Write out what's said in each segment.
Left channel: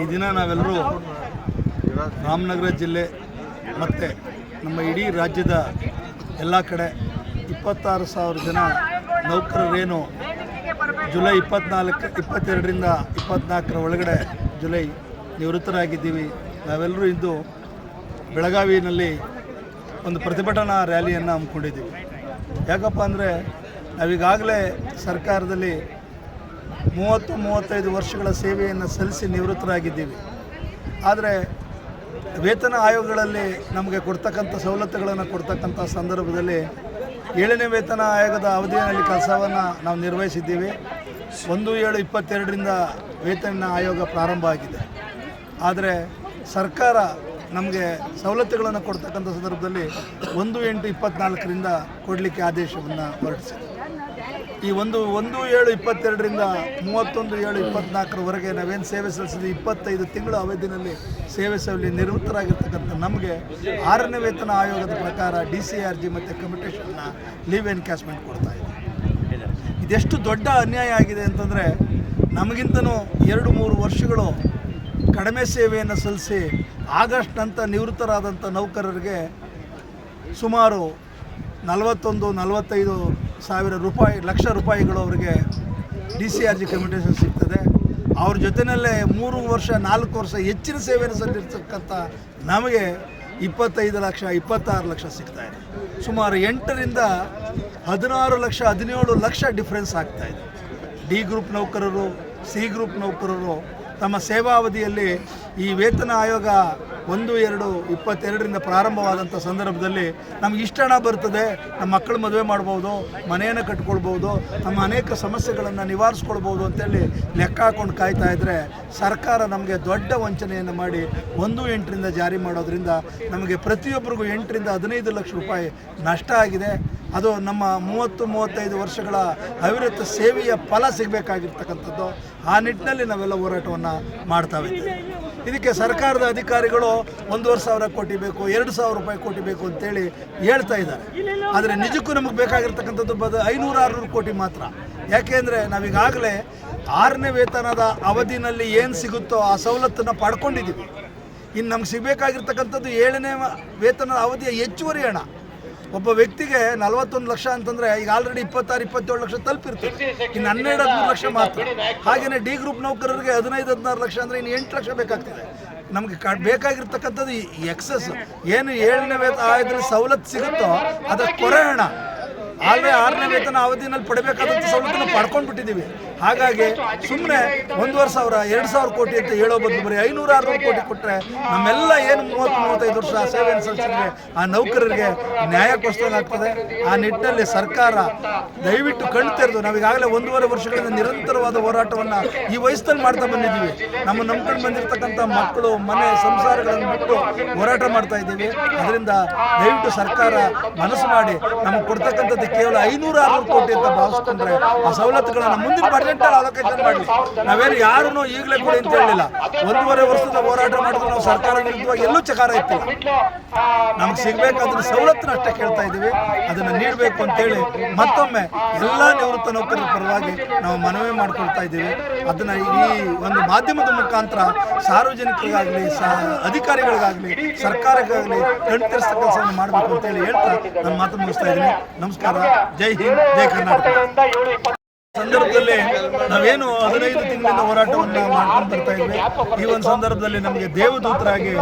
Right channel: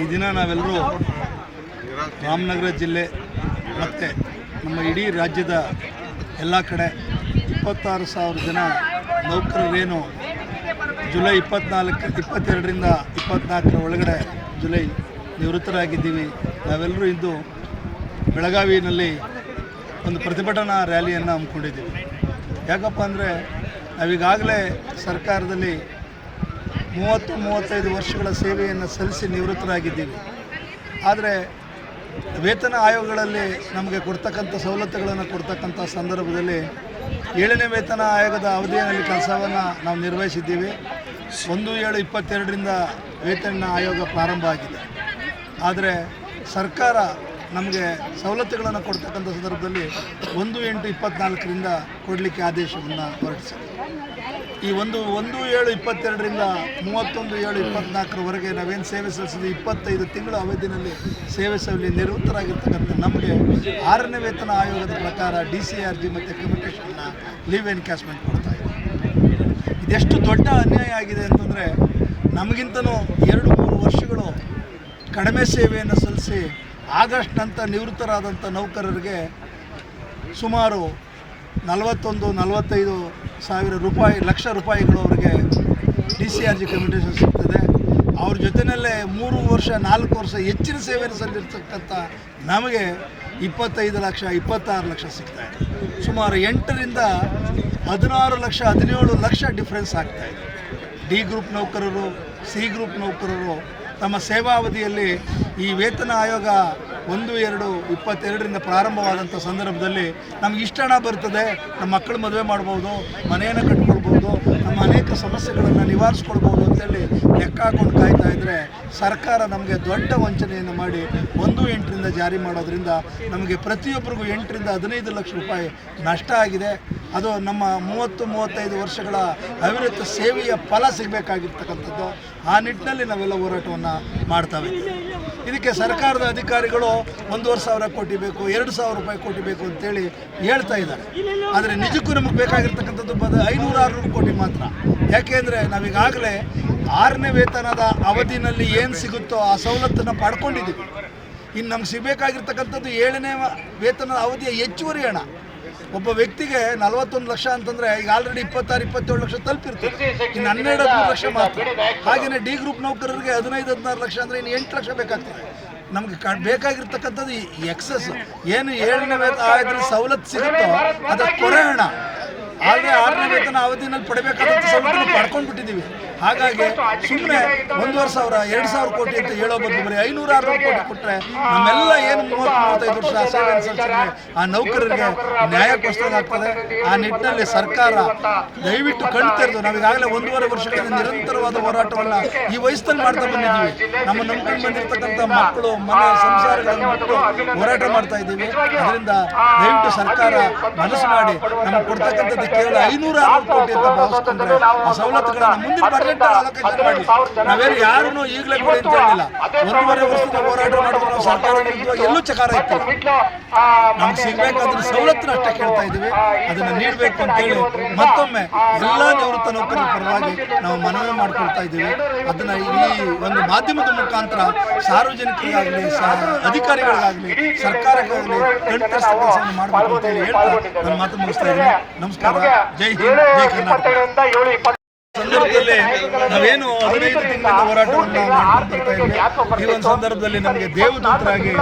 ಈ ದಿನ ನಾವೆಲ್ಲರೂ ರಾಮನಗರ ಜಿಲ್ಲೆ ಮತ್ತು ನಮ್ಮ ಇಡೀ ರಾಜ್ಯದ ಎಲ್ಲ ಕಡೆ ಇಪ್ಪತ್ತಾರು ಸಾವಿರ ಜನ ನೌಕರರೇನು ಜುಲೈ ಇಪ್ಪತ್ನಾಲ್ಕು, ಇಪ್ಪತ್ತೆರಡರಿಂದ ಇಪ್ಪತ್ನಾಲ್ಕರ ಒಳಗಡೆ ಜುಲೈ ನಿವೃತ್ತರಾಗಿದ್ದೀವಿ. ನಾವೆಲ್ಲರೂ ಇಂದು ಬೆಳಗಾವಿನಲ್ಲಿ ಒಂದು ಪ್ರತಿಭಟನಾ ರ್ಯಾಲಿಯನ್ನು ಹಮ್ಮಿಕೊಂಡಿದ್ದೀವಿ. ಯಾಕಪ್ಪ ಅಂದರೆ ನಾವೀಗಾಗಲೇ ಸರ್ಕಾರದಲ್ಲಿ ಮೂವತ್ತು, ಮೂವತ್ತೈದು ವರ್ಷಗಳ ಸೇವೆಯನ್ನು ಸಲ್ಲಿಸಿ ನಿವೃತ್ತರಾಗಿದ್ದೀವಿ. ಆದರೆ ವೇತನ ಆಯೋಗಗಳಲ್ಲಿ ನಮಗೆ ಕೊಡ್ತಕ್ಕಂಥ ಸವಲತ್ತುಗಳನ್ನು ಕೊಡ್ತಕ್ಕಂಥ ಸಂದರ್ಭದಲ್ಲಿ ಏಳನೇ ವೇತನ ಆಯೋಗದ ಅವಧಿಯಲ್ಲಿ ಕೆಲಸವನ್ನು ನಾವು ನಿರ್ವಹಿಸಿದ್ದೀವಿ. ಒಂದು ಏಳು ಇಪ್ಪತ್ತೆರಡರಿಂದ ವೇತನ ಆಯೋಗ ಪ್ರಾರಂಭ ಆಗಿದೆ. ಆದರೆ ಸರ್ಕಾರ ನಮಗೆ ಸವಲತ್ತುಗಳನ್ನು ಕೊಡ್ತಕ್ಕಂಥ ಸಂದರ್ಭದಲ್ಲಿ ಒಂದು ಎಂಟು ಇಪ್ಪತ್ತ್ನಾಲ್ಕರಿಂದ ಕೊಡಲಿಕ್ಕೆ ಆದೇಶವನ್ನು ಹೊರಡಿಸಿದೆ ಈ ಒಂದು ಒಂದು ಏಳು ಇಪ್ಪತ್ತೆರಡರಿಂದ ಮೂವತ್ತೊಂದು ಏಳು ಇಪ್ಪತ್ನಾಲ್ಕರವರೆಗೆ ನಾವೇನು ಸೇವೆ ಸಲ್ಲಿಸಿದ ಇಪ್ಪತ್ತೈದು ತಿಂಗಳ ಅವಧಿನಲ್ಲಿ ಸೇವೆ ಸಲ್ಲಿ ನಿವೃತ್ತರಾಗಿರ್ತಕ್ಕಂಥ ನಮಗೆ ಆರನೇ ವೇತನ ಆಯೋಗದ ಪ್ರಕಾರ ಡಿ ಸಿ ಆರ್ ಜಿ ಮತ್ತು ಕಮಿಟೇಷನ್ನ ಲೀವ್ ಎನ್ಕ್ಯಾಶ್ಮೆಂಟ್ ಕೊಡ್ತಾ ಇದೆ. ಇದೆಷ್ಟು ದೊಡ್ಡ ಅನ್ಯಾಯ ಆಗಿದೆ ಅಂತಂದರೆ ನಮಗಿಂತನೂ ಎರಡು ಮೂರು ವರ್ಷಗಳು ಕಡಿಮೆ ಸೇವೆಯನ್ನು ಸಲ್ಲಿಸಿ ಆಗಸ್ಟ್ ನಂತರ ನಿವೃತ್ತರಾದಂಥ ನೌಕರರಿಗೆ ಸುಮಾರು ನಲವತ್ತೊಂದು, ನಲವತ್ತೈದು ಸಾವಿರ ರೂಪಾಯಿ, ಲಕ್ಷ ರೂಪಾಯಿಗಳು ಅವರಿಗೆ D C R G commutation ಸಿಗ್ತದೆ. ಅವ್ರ ಜೊತೆಯಲ್ಲೇ ಮೂರು ವರ್ಷ, ನಾಲ್ಕು ವರ್ಷ ಹೆಚ್ಚಿನ ಸೇವೆಯನ್ನು ಸಲ್ಲಿರ್ತಕ್ಕಂಥ ನಮಗೆ ಇಪ್ಪತ್ತೈದು ಲಕ್ಷ, ಇಪ್ಪತ್ತಾರು ಲಕ್ಷ ಸಿಗ್ತಾ ಇದೆ. ಸುಮಾರು ಎಂಟರಿಂದ ಹದಿನಾರು ಲಕ್ಷ, ಹದಿನೇಳು ಲಕ್ಷ ಡಿಫ್ರೆನ್ಸ್ ಇದೆ. ಡಿ ಗ್ರೂಪ್ ನೌಕರರು ಸಿ ಗ್ರೂಪ್ ನೌಕರರು ತಮ್ಮ ಸೇವಾವಧಿಯಲ್ಲಿ ಈ ವೇತನ ಆಯೋಗ ಒಂದು, ಎರಡು, ಇಪ್ಪತ್ತೆರಡರಿಂದ ಪ್ರಾರಂಭವಾದಂಥ ಸಂದರ್ಭದಲ್ಲಿ ನಮ್ಗೆ ಇಷ್ಟ ಹಣ ಬರ್ತದೆ, ನಮ್ಮ ಮಕ್ಕಳು ಮದುವೆ ಮಾಡ್ಬೋದು, ಮನೆಯನ್ನು ಕಟ್ಕೊಳ್ಬೋದು, ನಮ್ಮ ಅನೇಕ ಸಮಸ್ಯೆಗಳನ್ನು ನಿವಾರಿಸ್ಕೊಳ್ಬೋದು ಅಂತೇಳಿ ಲೆಕ್ಕ ಹಾಕೊಂಡು ಕಾಯ್ತಾ ಇದ್ದರೆ ಸರ್ಕಾರ ನಮಗೆ ದೊಡ್ಡ ವಂಚನೆಯನ್ನು ಮಾಡಿ ಒಂದು ಎಂಟರಿಂದ ಜಾರಿ ಮಾಡೋದ್ರಿಂದ ನಮಗೆ ಪ್ರತಿಯೊಬ್ಬರಿಗೂ ಎಂಟರಿಂದ ಹದಿನೈದು ಲಕ್ಷ ರೂಪಾಯಿ ನಷ್ಟ ಆಗಿದೆ. ಅದು ನಮ್ಮ ಮೂವತ್ತು, ಮೂವತ್ತೈದು ವರ್ಷಗಳ ಅವಿರತ ಸೇವೆಯ ಫಲ ಸಿಗಬೇಕಾಗಿರ್ತಕ್ಕಂಥದ್ದು. ಆ ನಿಟ್ಟಿನಲ್ಲಿ ನಾವೆಲ್ಲ ಹೋರಾಟವನ್ನು ಮಾಡ್ತಾ ಇದ್ದೀವಿ. ಇದಕ್ಕೆ ಸರ್ಕಾರದ ಅಧಿಕಾರಿಗಳು ಒಂದೂವರೆ ಸಾವಿರ ಕೋಟಿ ಬೇಕು, ಎರಡು ಸಾವಿರ ರೂಪಾಯಿ ಕೋಟಿ ಬೇಕು ಅಂತೇಳಿ ಹೇಳ್ತಾ ಇದ್ದಾರೆ. ಆದರೆ ನಿಜಕ್ಕೂ ನಮಗೆ ಬೇಕಾಗಿರ್ತಕ್ಕಂಥದ್ದು ಬದ ಐನೂರು, ಆರುನೂರು ಕೋಟಿ ಮಾತ್ರ. ಯಾಕೆಂದರೆ ನಾವೀಗಾಗಲೇ ಆರನೇ ವೇತನದ ಅವಧಿನಲ್ಲಿ ಏನು ಸಿಗುತ್ತೋ ಆ ಸವಲತ್ತನ್ನು ಪಡ್ಕೊಂಡಿದ್ದೀವಿ. ಇನ್ನು ನಮ್ಗೆ ಸಿಗಬೇಕಾಗಿರ್ತಕ್ಕಂಥದ್ದು ಏಳನೇ ವೇತನದ ಅವಧಿಯ ಹೆಚ್ಚುವರಿ ಹಣ. ಒಬ್ಬ ವ್ಯಕ್ತಿಗೆ ನಲವತ್ತೊಂದು ಲಕ್ಷ ಅಂತಂದರೆ ಈಗ ಆಲ್ರೆಡಿ ಇಪ್ಪತ್ತಾರು ಇಪ್ಪತ್ತೇಳು ಲಕ್ಷ ತಲುಪಿರ್ತದೆ ಇನ್ನು ಹನ್ನೆರಡು ಹದಿಮೂರು ಲಕ್ಷ ಮಾತ್ರ. ಹಾಗೇನೆ ಡಿ ಗ್ರೂಪ್ ನೌಕರರಿಗೆ ಹದಿನೈದು ಹದಿನಾರು ಲಕ್ಷ ಅಂದ್ರೆ ಇನ್ನು ಎಂಟು ಲಕ್ಷ ಬೇಕಾಗ್ತದೆ. ನಮಗೆ ಕ ಬೇಕಾಗಿರ್ತಕ್ಕಂಥದ್ದು ಈ ಎಕ್ಸಸ್ ಏನು ಏಳನೇ ವೇತನ ಆದ್ರೆ ಸವಲತ್ತು ಸಿಗುತ್ತೋ ಅದರ ಕೊರೆ ಹಣ. ಆದರೆ ಆರನೇ ವೇತನ ಅವಧಿನಲ್ಲಿ ಪಡಬೇಕಾದಂಥ ಸವಲತ್ತನ್ನು ಪಡ್ಕೊಂಡ್ಬಿಟ್ಟಿದ್ದೀವಿ. ಹಾಗಾಗಿ ಸುಮ್ಮನೆ ಒಂದೂವರೆ ಸಾವಿರ ಎರಡು ಸಾವಿರ ಕೋಟಿ ಅಂತ ಹೇಳೋ ಬದಲು ಬರೀ ಐನೂರು ಆರುನೂರು ಕೋಟಿ ಕೊಟ್ಟರೆ ನಮ್ಮೆಲ್ಲ ಏನು ಮೂವತ್ತು ಮೂವತ್ತೈದು ವರ್ಷ ಸೇವೆ ಅನುಸರಿಸಿದ್ರೆ ಆ ನೌಕರರಿಗೆ ನ್ಯಾಯ ಆಗ್ತದೆ. ಆ ನಿಟ್ಟಿನಲ್ಲಿ ಸರ್ಕಾರ ದಯವಿಟ್ಟು ಕಣ್ಣು ತೆರೆದು, ನಾವೀಗಾಗಲೇ ಒಂದೂವರೆ ವರ್ಷಗಳಿಂದ ನಿರಂತರವಾದ ಹೋರಾಟವನ್ನು ಈ ವಯಸ್ಸಲ್ಲಿ ಮಾಡ್ತಾ ಬಂದಿದ್ದೀವಿ. ನಮ್ಮ ನಂಬ್ಕೊಂಡು ಬಂದಿರತಕ್ಕಂಥ ಮಕ್ಕಳು, ಮನೆ ಸಂಸಾರಗಳನ್ನು ಬಿಟ್ಟು ಹೋರಾಟ ಮಾಡ್ತಾ ಇದ್ದೀವಿ. ಅದರಿಂದ ದಯವಿಟ್ಟು ಸರ್ಕಾರ ಮನಸ್ಸು ಮಾಡಿ ನಮಗೆ ಕೊಡ್ತಕ್ಕಂಥದ್ದು ಕೇವಲ ಐನೂರು ಆರುನೂರು ಕೋಟಿ ಅಂತ ಭಾವಿಸ್ಕೊಂಡ್ರೆ ಆ ಸವಲತ್ತುಗಳನ್ನು ಮುಂದಿನ ಬಜೆಟಲ್ಲಿ ಅಲೋಕೇಶನ್ ಮಾಡಿ ನಾವೇನು ಯಾರನ್ನೂ ಈಗಲೇ ಕೂಡ ಅಂತ ಹೇಳಿಲ್ಲ ಒಂದೂವರೆ ವರ್ಷದ ಹೋರಾಟ ಮಾಡಿದ್ರು ನಾವು ಸರ್ಕಾರ ವಿರುದ್ಧವಾಗಿ. ಎಲ್ಲೂ ಚಕಾರ ಇತ್ತಿಲ್ಲ ನಮ್ಗೆ ಸಿಗಬೇಕಾದ್ರೆ ಸವಲತ್ತನ್ನ ಅಷ್ಟೇ ಕೇಳ್ತಾ ಇದ್ದೀವಿ. ಅದನ್ನು ನೀಡಬೇಕು ಅಂತೇಳಿ ಮತ್ತೊಮ್ಮೆ ಎಲ್ಲ ನಿವೃತ್ತ ನೌಕರರ ಪರವಾಗಿ ನಾವು ಮನವಿ ಮಾಡ್ಕೊಳ್ತಾ ಇದ್ದೀವಿ. ಅದನ್ನು ಈ ಒಂದು ಮಾಧ್ಯಮದ ಮುಖಾಂತರ ಸಾರ್ವಜನಿಕರಿಗಾಗಲಿ ಸ ಅಧಿಕಾರಿಗಳಿಗಾಗಲಿ ಸರ್ಕಾರಕ್ಕಾಗಲಿ ಕಣ್ತರಿಸಿದ ಕೆಲಸವನ್ನು ಮಾಡಬೇಕು ಅಂತೇಳಿ ಹೇಳ್ತಾ ನಾನು ಮಾತು ಮುಗಿಸ್ತಾ ಇದ್ದೀನಿ. ನಮಸ್ಕಾರ. ಜೈ ಹಿಂದ್ ಜೈ ಕರ್ನಾಟಕ. ಸಂದರ್ಭದಲ್ಲಿ ನಾವೇನು ಹದಿನೈದು ತಿಂಗಳಿಂದ ಹೋರಾಟವನ್ನು ಮಾಡ್ಕೊಂಡು ಬರ್ತಾ ಇದ್ವಿ. ಈ ಒಂದು ಸಂದರ್ಭದಲ್ಲಿ ನಮಗೆ ದೇವದೂತರಾಗಿ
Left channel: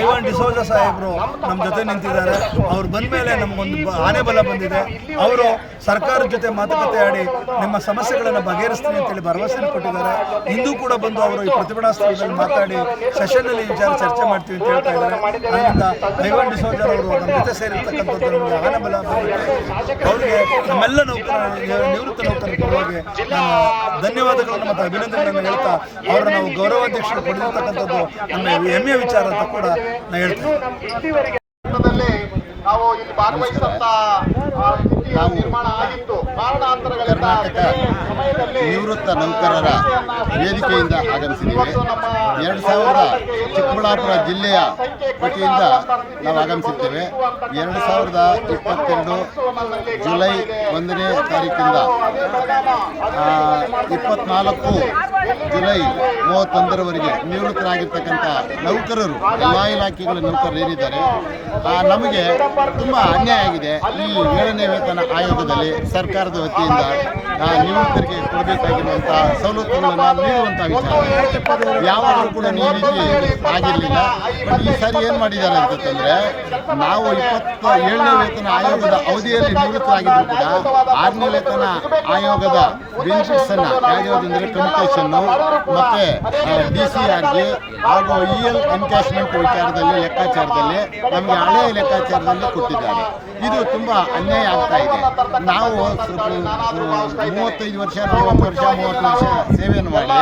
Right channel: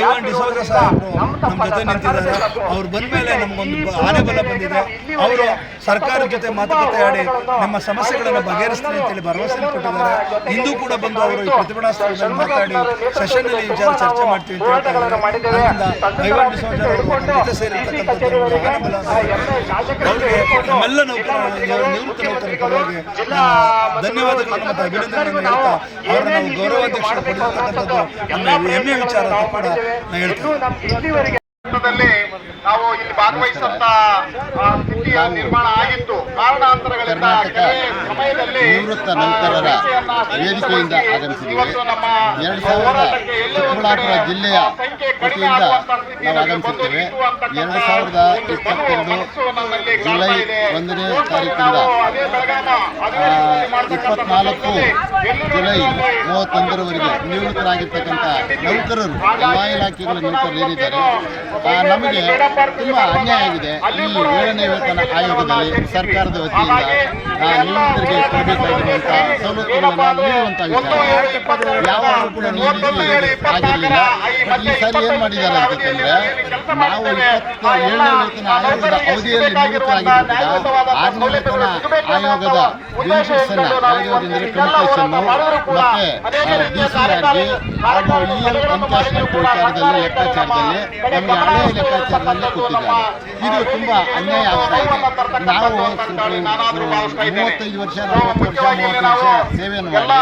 ಐವಾನ್ ಡಿಸೋಜ ಸಾಹೇಬರು ನಮ್ಮ ಜೊತೆ ನಿಂತಿದ್ದಾರೆ. ಅವ್ರು ಬಂದ ಮೇಲೆ ನಮಗೊಂದು ಆನೆ ಬಲ ಬಂದಿದೆ. ಅವರು ಸರ್ಕಾರದ ಜೊತೆ ಮಾತುಕತೆ ಆಡಿ ನಮ್ಮ ಸಮಸ್ಯೆಗಳನ್ನು ಬಗೆಹರಿಸ್ತೀನಿ ಅಂತೇಳಿ ಭರವಸೆ ಕೊಟ್ಟಿದ್ದಾರೆ. ಇಂದು ಕೂಡ ಬಂದು ಅವರು ಈ ಪ್ರತಿಭಟನಾ ಸ್ಥಳದಲ್ಲಿ ಮಾತಾಡಿ ಸೆಷನ್ನಲ್ಲಿ ವಿಚಾರ ಚರ್ಚೆ ಮಾಡ್ತೀವಿ ಅಂತ ಹೇಳ್ತಾ ಇದ್ದಾರೆ. ಅದರಿಂದ ಐವಾನ್ ಡಿಸೋಜರ್ ಅವರು ನಮ್ಮ ಜೊತೆ ಸೇರಿರ್ತಕ್ಕಂಥದ್ದು ನಮಗೆ ಆನೆ ಬಲ. ಅವ್ರಿಗೆ ನಮ್ಮೆಲ್ಲ ನೌಕರ, ನಿವೃತ್ತ ನೌಕರರ ಪರವಾಗಿ ನಾನು ಧನ್ಯವಾದಗಳನ್ನು ಮತ್ತು ಅಭಿನಂದನೆಗಳನ್ನು ಹೇಳ್ತಾ ಅವರ ನಾವು ಗೌರವಾಧ್ಯಕ್ಷರು ಪಡೆದಿರ್ತಕ್ಕಂಥದ್ದು ನಮ್ಮ ಹೆಮ್ಮೆಯ ವಿಚಾರ ಅಂತ ಕೂಡ ನಾನು ಹೇಳ್ತೇನೆ ನಾವು ಇಲ್ಲಿ ಭಾಗವಹಿಸಂತ ನಿರ್ಮಾಣ ನಾವು ಕರ್ನಾಟಕ ನಿವೃತ್ತ ನೌಕರರ ವೇದಿಕೆಯಿಂದ ಆಗಮಿಸಿದ್ದೇವೆ. ಎರಡು ಸಾವಿರದ ಚಿಕ್ಕಬಳ್ಳಾಪುರ ಜಿಲ್ಲೆಯ ವತಿಯಿಂದ ನಾವು ಆಗಮಿಸಿದ್ದೇವೆ ಎರಡು ಸಾವಿರದ ಇಪ್ಪತ್ತೆರಡು ಜುಲೈ ಒಂದನೇ ತಾರೀಕಿಂದ ಇಪ್ಪತ್ನಾಲ್ಕು ಜುಲೈ ಮೂವತ್ತೊಂದರವರೆಗೆ ನಿವೃತ್ತರಾಗಿರ್ತಕ್ಕಂಥ ನೌಕರರು ಎಲ್ಲ ಇಲಾಖೆಗಳ ನೌಕರರು ಏನಿದ್ದಾರೆ ನಮಗೆ ತುಂಬ ಅನ್ಯಾಯ ಆಗಿದೆ. ಈ ಏಳನೇ ವೇತನ ಆಯೋಗದಲ್ಲಿ ಸರ್ಕಾರದ ವತಿಯಿಂದ ನಿವೃತ್ತರಿಗೆ ಕೊಡಬೇಕಾಗಿರುವಂಥ ಸವಲತ್ತುಗಳನ್ನು ನೀಡುವಂಥ ವಿಚಾರ. ಯಾವಾಗಲೂ ಕೂಡ ಈ ರೀತಿ ಆಗಿರಲಿಲ್ಲ ಈ ಸಾರಿ ಏನು ಮಾಡಿದ್ದಾರೆ ಅಂತಂದರೆ ನಾವು ಇಪ್ಪತ್ತ ಏಳನೇ ವೇತನ ಆಯೋಗದ ಅವಧಿಯಲ್ಲಿ ನಿವೃತ್ತರಾಗಿದ್ದರೂ ಕೂಡ, ಆರನೇ ವೇತನ ಆಯೋಗದ ಬೆನಿಫಿಟ್ಸ್ ಅನ್ನ ಯಾವ್ಯಾವುದಂದ್ರೆ ಕಮ್ಯುನಿಕೇಷನ್ನು ಮತ್ತೆ ಡಿ ಸಿ ಆರ್ಗೆ ಹಾಗೂ ಇ ಎಲ್ ಎನ್ಕ್ಯಾಶ್ಮೆಂಟ್ ವಿಚಾರದಲ್ಲಿ, ಲೆಕ್ಕಾಚಾರದಲ್ಲಿ, ನಮಗೆ ಹಳೆಯ ಲೆಕ್ಕಾಚಾರದಲ್ಲಿ ಕೊಟ್ಟಿದ್ದಾರೆ. ಇದು ತುಂಬಾ ಅನ್ಯಾಯ ಆಗ್ತಾ ಇದೆ. ನಾವು ಮೂವತ್ತೈದು ವರ್ಷ ನಲವತ್ತು ವರ್ಷ ಮೂವತ್ತು ವರ್ಷ ಸೇವೆಯನ್ನು ಮಾಡಿ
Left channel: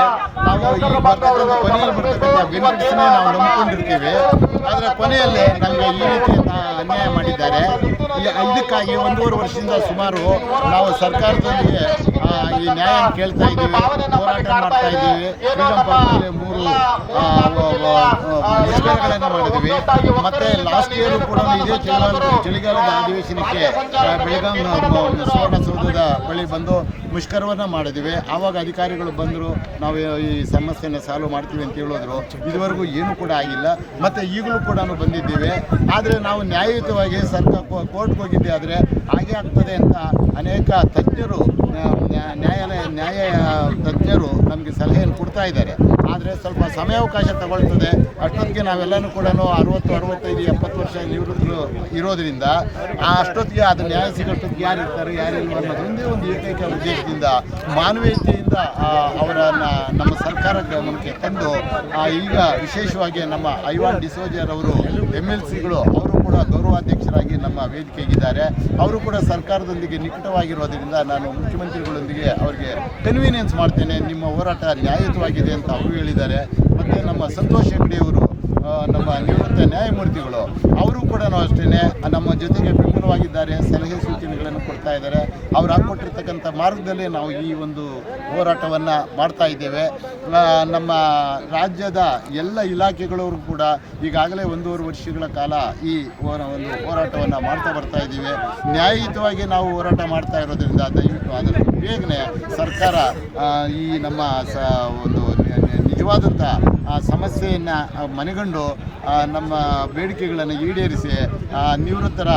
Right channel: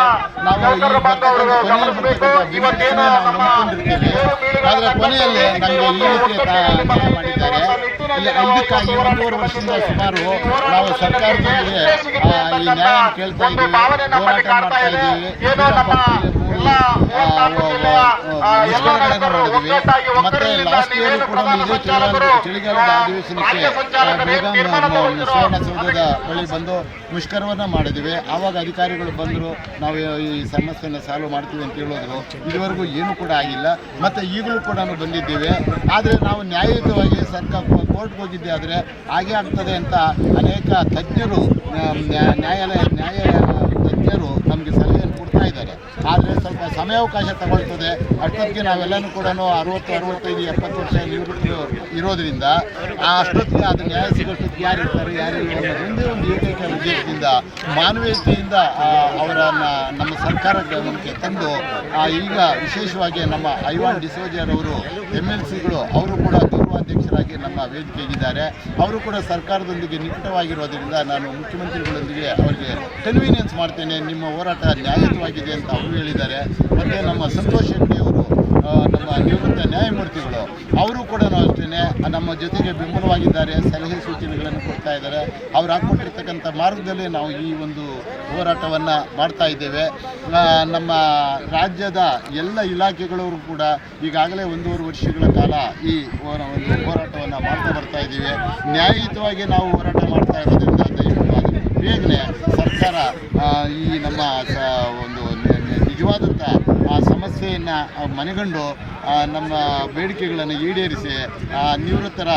ನಾವು ಈ ಬರ್ತಕ್ಕಂಥ ಕೊನೆಯಲ್ಲಿ ಬರ್ತಕ್ಕಂಥ ಬೆನಿಫಿಟ್ಸ್ನೇ ನಾವು ನಂಬ್ಕೊಂಡಿರ್ತೀವಿ. ಆದರೆ ಕೊನೆಯಲ್ಲಿ ನಮಗೆ ಈ ರೀತಿ ಅನ್ಯಾಯ ಮಾಡಿದ್ದಾರೆ. ಈ- ಇದಕ್ಕಾಗಿ ಒಂದೂವರೆ ವರ್ಷದಿಂದ ಸುಮಾರು ನಾವು ಸರ್ಕಾರದೊಂದಿಗೆ ಈ ನ್ಯಾಯ ಕೇಳ್ತಾ ಇದ್ದೀವಿ ಹೋರಾಟ ಮಾಡ್ತಾ ಇದ್ದೀವಿ. ಮೂರು ಮುಷ್ಕರಗಳನ್ನು ಮಾಡಿದ್ವಿ ಮತ್ತೆ ಲಾಸ್ಟ್ ಇಯರ್ ಕೂಡ ಇದೇ ಚಳಿಗಾಲದ ಚಳಿಗಾಲದ ಅಧಿವೇಶನಕ್ಕೆ ಆ, ಬೆಳಗಾಂ ನ- ನ- ಸುವರ್ಣಸೌಧದ ಬಳಿ ಬಂದು ಮುಷ್ಕರವನ್ನು ಮಾಡಿದ್ವಿ ಆವಾಗ ಅಧಿಕಾರಿಗಳು ಬಂದರು ನಾವು ಈ ಸಮಸ್ಯೆನ ಸಾಲ್ವ್ ಮಾಡ್ತೀವಿ ಅಂತ ಹೇಳಿದ್ರು. ಇದುವರೆಗೂ ಏನೂ ಕೂಡ ಆಗಿಲ್ಲ. ಮತ್ತು ಈಗಲೂ ಕೂಡ ಬಂದಿದ್ದೇವೆ. ಆದರೆ ನಾವು ನ್ಯಾಯಯುತವಾಗಿ ಸರ್ಕಾರ ಕೋರ್ಟ್ಗೆ ಹೋಗಿದ್ದೆ ಆದರೆ ಹಾಗೆ ಆಗ್ತದೆ ಅಂತ ಅನೇಕ ತಜ್ಞರು ನ್ಯಾಯಾಲಯ, ನ್ಯಾಯ ತಜ್ಞರು ನಮಗೆ ಸಲಹೆಯನ್ನು ಕೊಡ್ತಾ ಇದ್ದಾರೆ. ಆದರೆ ಸ್ವಲ್ಪ ಸಮಯಾವಕಾಶ ತಗೊಳ್ತದೆ. ಅಷ್ಟೊತ್ತಿಗೆ ನಾವೆಲ್ಲನೂ ಕೂಡ ಅರವತ್ತು, ಅರವತ್ತೈದು, ಎಪ್ಪತ್ತು ವರ್ಷ ನಿವೃತ್ತಿ ಇರೋದ್ರಿಂದ ಆ ಅಷ್ಟೊತ್ತಿಗೆ ಅದು ನ್ಯಾಯ ಸಿಗೋಷ್ಟೊತ್ತಿಗೆ ಯಾರು ಇರ್ತಾರೆ ಯಾರಿಲ್ಲ ಅನ್ನೋದು ಒಂದೇ ಏಕೈಕ ಉದ್ದೇಶದಿಂದ, ಮಾನವೀಯತೆಯಿಂದ ಅವರನ್ನು ನಮ್ಮ ಸರ್ಕಾರ ಗಮನಕ್ಕೆ ತಂದು ಈಗ ವಿಶೇಷವಾಗಿ ನಮ್ಮ ಐವಾನ್ ಡಿಸೋಜರ್ ಅವರು ಎಂ ಎಲ್ ಸಿಗಳು, ಅವರು ಕೂಡ ಗೌರವಾಧ್ಯಕ್ಷರಾಗಿ ನಮ್ಮ ವೇದಿಕೆಗಿದ್ದಾರೆ ಅವರು ಕೂಡ ಸರ್ಕಾರದೊಂದಿಗೆ ನಿಕಟವಾಗಿರೋದ್ರಿಂದ ನಾನು ಮುಖ್ಯಮಂತ್ರಿಗಳೊಂದಿಗೆ ಅವರಿಗೆ ಕನ್ವೀನಿಯನ್ಸ್ ಮಾಡ್ತೇನೆ. ನಿಮ್ಮ ಹೋರಾಟ ನ್ಯಾಯಯುತವಾಗಿದೆ ಅಂತ ಅವರು ಹೇಳಿದ್ದಾರೆ. ಮತ್ತು ನಮ್ಮ ಸಂತೋಷ್ ಹೆಗ್ಡೆ ಅವರು ಆ, ನಮ್ಮ ನಿವೃತ್ತ ನ್ಯಾಯಮೂರ್ತಿಗಳು, ಅವರು ಕೂಡ ಅಷ್ಟೇ ನಮ್ಮ ಜೊತೆಗೆ ಬೆಂಬಲವಾಗಿದ್ದಾರೆ, ಸಲಹೆ ಸೂಚನೆಗಳನ್ನು ಕೊಡ್ತಾ ಇದ್ದಾರೆ. ಅವ್ರು ಹಾಕ್ಕೊಟ್ಟಿರ್ತಕ್ಕಂಥ ಮಾರ್ಗದಲ್ಲಿ ನಾವು ಈ ಒಂದು ಹೋರಾಟವನ್ನು ಮಾಡ್ತಾ ಇದ್ದೇವೆ. ನಮ್ಮ ರಾಜ್ಯದ ಎಲ್ಲ ಇಲಾಖೆಗಳವರು ಕೂಡ ಈಗಾಗಲೇ ಒಂದೂವರೆ ವರ್ಷಗಳ ಕಾಲ ಈ ಒಂದು ಹೋರಾಟವನ್ನು ಮಾಡ್ತಾ ಬರ್ತಾ ಇದ್ದೀವಿ. ನ್ಯಾಯಯುತವಾಗಿ ನಾವು ಹೋರಾಟ ಮಾಡ್ತಾ ಇರೋದ್ರಿಂದ ದಯವಿಟ್ಟು ಅದನ್ನು ಬೇಗನೆ ಸರ್ಕಾರ ಈ ನಮ್ಮ ಸ, ಒಂದು ನಿಜವಾದಂಥ, ಆ, ಸಮಸ್ಯೆಯನ್ನು ಮನೆಗಂಡು ನಮ್ಮ ಬೇಡಿಕೆಗಳನ್ನು ಈಡೇರಿಸಿ ನಿವೃತ್ತರ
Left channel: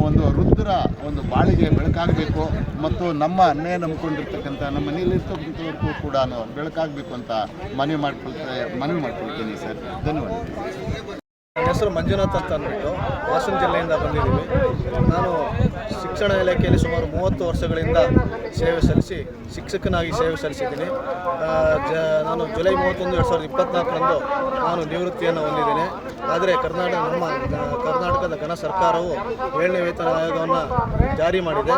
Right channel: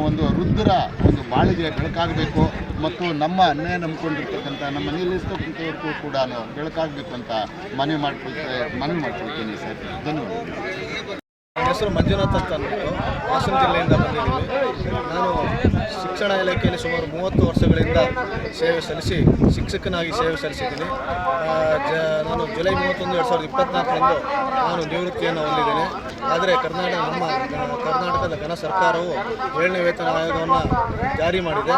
ಒಂದು ವೃದ್ಧರ ಒಂದು ಬಾಳಿಗೆ ಬೆಳಕಾಗಬೇಕು ಮತ್ತು ನಮ್ಮ ಅನ್ಯಾಯ ನಂಬ್ಕೊಂಡಿರ್ತಕ್ಕಂಥ, ನಮ್ಮ ನಿಲ್ಲಿಸ್ತಕ್ಕಂಥವ್ರಿಗೂ ಕೂಡ ಬೆಳಕಾಗಬೇಕು ಅಂತ ಮನವಿ ಮಾಡ್ಕೊಳ್ತಾ, ಮನವಿ ಮಾಡ್ಕೊಳ್ತೀನಿ ಸರ್. ಧನ್ಯವಾದ ಹೆಸರು ಮಂಜುನಾಥ್ ಅಂತ ಅಂದ್ಬಿಟ್ಟು ಹಾಸನ ಜಿಲ್ಲೆಯಿಂದ ಬಂದಿದ್ದೀವಿ. ನಾನು ಶಿಕ್ಷಣ ಇಲಾಖೆಯಲ್ಲಿ ಸುಮಾರು ಮೂವತ್ತು ವರ್ಷಗಳಿಂದ ಸೇವೆ ಸಲ್ಲಿಸಿ, ಶಿಕ್ಷಕನಾಗಿ ಸೇವೆ ಸಲ್ಲಿಸಿದ್ದೀನಿ. ಜ, ನಾನು ಜುಲೈ ಮೂವತ್ತೊಂದು ಎರಡು ಸಾವಿರದ ಇಪ್ಪತ್ತ್ನಾಲ್ಕರಂದು ನಾನು ನಿವೃತ್ತಿಯನ್ನು ಹೊಂದಿದ್ದೇನೆ. ಆದರೆ ಕರ್ನಾಟಕ, ನಮ್ಮ ಕರ್ನಾಟಕದ ಘನ ಸರ್ಕಾರವು ಏಳನೇ ವೇತನ ಆಯೋಗವನ್ನು ಜಾರಿ ಮಾಡಿದೆ.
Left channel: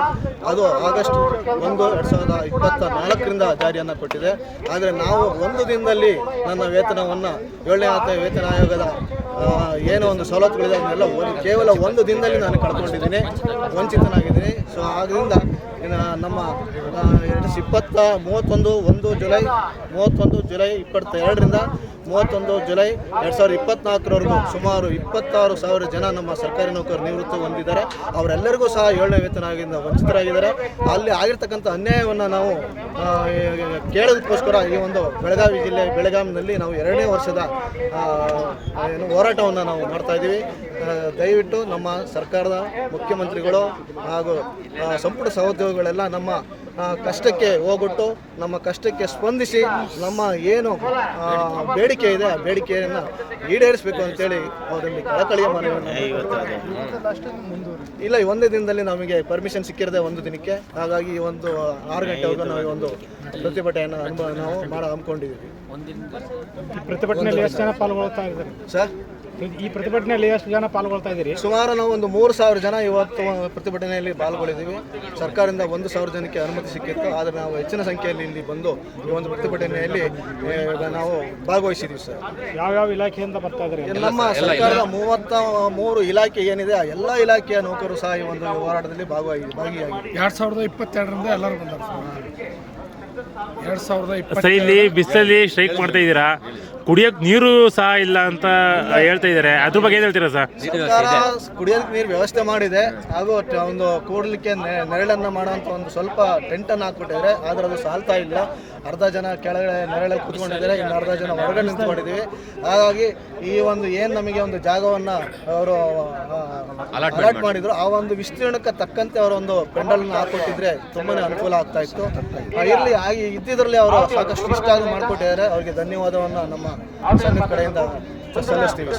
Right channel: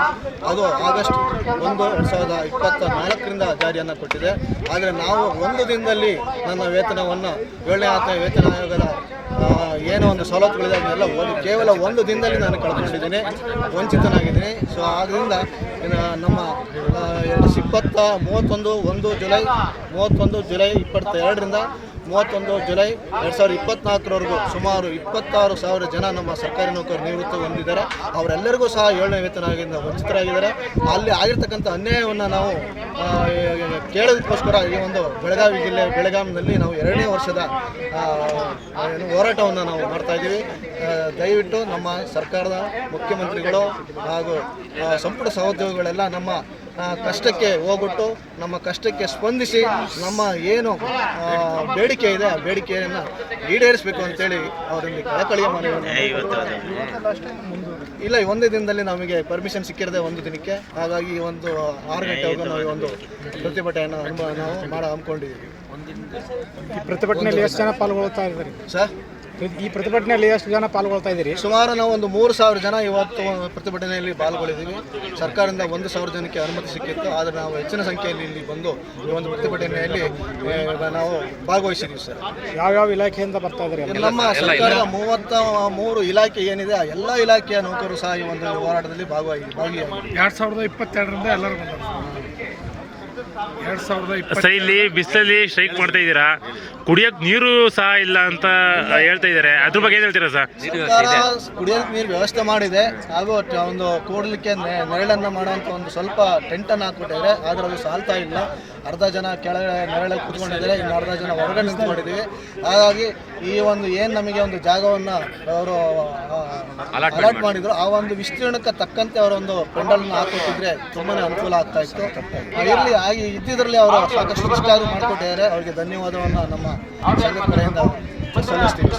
ಅದು ಆಗಸ್ಟ್ ಒಂದು ಎರಡು ಸಾವಿರದ ಇಪ್ಪತ್ತ ನಾಲ್ಕರಿಂದ ಜಾರಿಯನ್ನು ಕೊಟ್ಟಿದೆ. ಆದರೆ ನಾವು ಒಂದು ದಿನದಲ್ಲಿ ನನ್ನ ವೇತನವನ್ನು ಏಳನೇ ಆತ ವೇತನ ಆಯೋಗದ ಏನೋ ಒಂದು ಸವಲತ್ತುಗಳಿದೆ, ಅದನ್ನೆಲ್ಲ ಒಂದು ಕೇವಲ ಒಂದು ದಿನದಲ್ಲಿ ನಾನು ಕಳ್ಕೊಂಡಿದ್ದೀನಿ, ವಂಚಿತನಾಗಿದ್ದೀನಿ. ಸೊ ಆದ್ದರಿಂದ ನಮ್ಮ ಇಪ್ಪತ್ತ ಮೂವತ್ತೊಂದು, ಒಂದು ಜುಲೈ, ಮೂವತ್ತೊಂದು ಜುಲೈ ಇಪ್ಪತ್ತೆರಡರಿಂದ ಮೂವತ್ತೊಂದು ಜುಲೈ ಎರಡು ಸಾವಿರದ ಇಪ್ಪತ್ನಾಲ್ಕರವರೆಗೂ ಸುಮಾರು ಇಪ್ಪತ್ತಾರು ಸಾವಿರ ಜನ ನಮ್ಮ ಸರ್ಕಾರಿ ನೌಕರರು ನಿವೃತ್ತಿ ಹೊಂದಿದ್ದಾರೆ. ಅವರೆಲ್ಲರಿಗೂ ಸಹ ಏಳನೇ ವೇತನದಿಂದ ವಂಚಿತರಾಗಿದ್ದಾರೆ. ಅಲ್ಲಿ ಆಗಿರ್ತಕ್ಕಂಥ ಅನ್ಯಾಯವನ್ನು ನಾವು ಕೇಳೋದಕ್ಕೋಸ್ಕರ ಈ ಒಂದು ಬೆಳಗಾವಿ ಜಿಲ್ಲೆ ಬೆಳಗಾವಿನಲ್ಲಿ ನಾವು ಎರಡನೇ ವರ್ಷದ ಏನು ಹೋರಾಟವನ್ನು ನಾವು ಮಾಡ್ತಾ ಇದ್ದೀವಿ. ದಯವಿಟ್ಟು ನಮ್ಮ ಸರ್ಕಾರದ ಮುಖ್ಯಮಂತ್ರಿಗಳು ಹಾಗೂ ಸಂಪುಟ ಸಹೋದ್ಯೋಗಿಗಳೆಲ್ಲ ನಮ್ಮ ಕಷ್ಟಕ್ಕೆ ಹೋಗ್ಬಿಟ್ಟು ನಮ್ಮ ಕಷ್ಟಕ್ಕೆ ಸ್ಪಂದಿಸಿ ನಮ್ಮ ಏನು ಬೇಡಿಕೆ ಇದೆ ಆ ಬೇಡಿಕೆಯನ್ನು ಈಡೇರಿಸಬೇಕು ಅಂತೇಳಿ ಅವರಲ್ಲಿ ಕಳಕಳಿಯ ಮನವಿಯನ್ನು ಇಲ್ಲ ಈ ಒಂದೇ ದಿನದಲ್ಲಿ ನಮಗೆ ಪರ್ಮಿಷನ್ ಸಿಕ್ಕಿರದೆ ಒಂದು ದಿನಕ್ಕೆ. ಹಾಗಾಗಿ ಈ ಒಂದು ಆರು ಗಂಟೆವರೆಗೂ ನಾವು ಈ ಒಂದು ಪ್ರತಿಭಟನೆಯನ್ನು ಅನುಭವ ನಾವು ಮಾಡ ಹಮ್ಮಿಕೊಂಡಿದ್ದೀವಿ. ಪ್ರತಿಭಟನೆಯಲ್ಲಿ ಎಷ್ಟು ಜನ ಪಾಲ್ಗೊಳ್ತಾ ಇದ್ದಾರೆ? ಸರ್ ಈ ಪ್ರತಿಭಟನೆಯಲ್ಲಿ ಎಷ್ಟು ಜನ ಪಾಲ್ಗೊಳ್ತಾ ಇದ್ದೀರಿ? ಸುಮಾರು ನಾವು ಒಂದು ಮೂರು ಸಾವಿರ ಜನ ಇವತ್ತು ಪ್ರತಿಭಟನೆಯಲ್ಲಿ ಪಾಲ್ಗೊಳ್ಳಿದ್ದೀವಿ. ಸರ್ಕಾರದಿಂದ ಒಂದು ಸಾವಿರ ಜನಕ್ಕೆ ಅನುಮತಿ ಸಿಕ್ಕಿತ್ತು. ಆದರೆ ನಾವು ಹೆಚ್ಚಿನ ಸಂಖ್ಯೆಯಲ್ಲಿ ಇಲ್ಲಿ ಬಂದು ಈ ಒಂದು ಪ್ರತಿಭಟನೆಯಲ್ಲಿ ನಾವು ಭಾಗವಹಿಸಿದ್ದೀವಿ ಸರ್. ಯಾವ್ಯಾವ ಇಲಾಖೆಯಿಂದ ಬರ್ತಾ ಇದ್ದಾರೆ? ನಮ್ಮ ಸರ್ಕಾರದ ಮೂವತ್ತ ಮೂರು ಇಲಾಖೆ ಏನಿದೆ ಆ ಎಲ್ಲ ಇಲಾಖೆಯ ನೌಕರರು ಸಹ ಈ ಒಂದು ಹೋರಾಟದಲ್ಲಿ ಭಾಗವಾಗಿ ಭಾಗಿಯಾಗಿದೆ ಎರಡು ಸಾವಿರದ ಇಪ್ಪತ್ತೆರಡರಿಂದ ಎಲ್ಲರೂ ಎರಡು ಸಾವಿರದ ಇಪ್ಪತ್ತು ಸರ್ ಇಲ್ಲಿ ಬಿಸಿಲಲ್ಲಿ ಸ್ಟ್ರೈಕ್ ಮಾಡ್ತಾ ಇದ್ದೀರಾ? ಕುಡಿಯೋಕ್ ನೀರು ಸಹ ಇಲ್ಲ ಅಂತ ಹೇಳ್ತಾ ಇದ್ದಾರೆ. ಅದ್ರ ಬಗ್ಗೆ ಏನು ಹೇಳ್ತೀರಾ ಸರ್? ಸರ್ಕಾರ ಕುಡಿಯೋದಕ್ಕೆ ನೀರು ವ್ಯವಸ್ಥೆ ಮಾಡಿದೆ. ಹಾಗೂ ಟ- ಒಂದು ಕೂಡಲಿಕ್ಕೆ ನೆರಳನ್ನ ಮಾಡುವಂತ ಒಂದು ಸ್ವಲ್ಪ ಟೆಂಟನ್ನು ಹಾಕ್ಬಿಟ್ಟಿದ್ದಾರೆ. ಆದ್ರೆ ಅದು ಸಾಲ್ತಾ ಇಲ್ಲ. ಅರ್ಧ ಜನ ಕೆಳಗಡೆ ನೆರಳಲ್ಲಿ ಕೂತ್ಕೊಂಡಿದ್ದಾರೆ. ಇನ್ನು ಅರ್ಧ ಜನ ಹೊರಗಡೆ ನಿಂತ್ಕೊಂಡಿದ್ದೀವಿ. ಹಾಗಾಗಿ ಈ ಒಂದು ಏನು ನಮಗೆ ಒಂದು ಜಾಗವನ್ನು ಅವರು ಅಲಾಟ್ ಮಾಡಿದ್ರು. ಆ ಒಂದು ವಿಸ್ತೀರ್ಣಕ್ಕೆ ತಕ್ಕಂತೆ ಅವರೊಂದು ಪೆಂಡಲ್ನ ಹಾಕೊಟ್ಟಿದ್ರೆ ತುಂಬಾ ಅನುಕೂಲ ಆಗ್ತಾ ಇತ್ತು. ಇರಲಿ ಆಗಿ ಹಾಗೆ ಇದ್ದಿದ್ರಲ್ಲಿ ಅವರು ಸಾಕಷ್ಟು ಇಷ್ಟಾದ್ರು ಮಾಡಿಕೊಟ್ಟಿದ್ದಾರೆ. ಅವರಿಗೆ ಧನ್ಯವಾದವನ್ನು ನಮ್ಮ ಸಂಘದ ಕಡೆಯಿಂದ ಸಲ್ಲಿಸ್ತೀವಿ.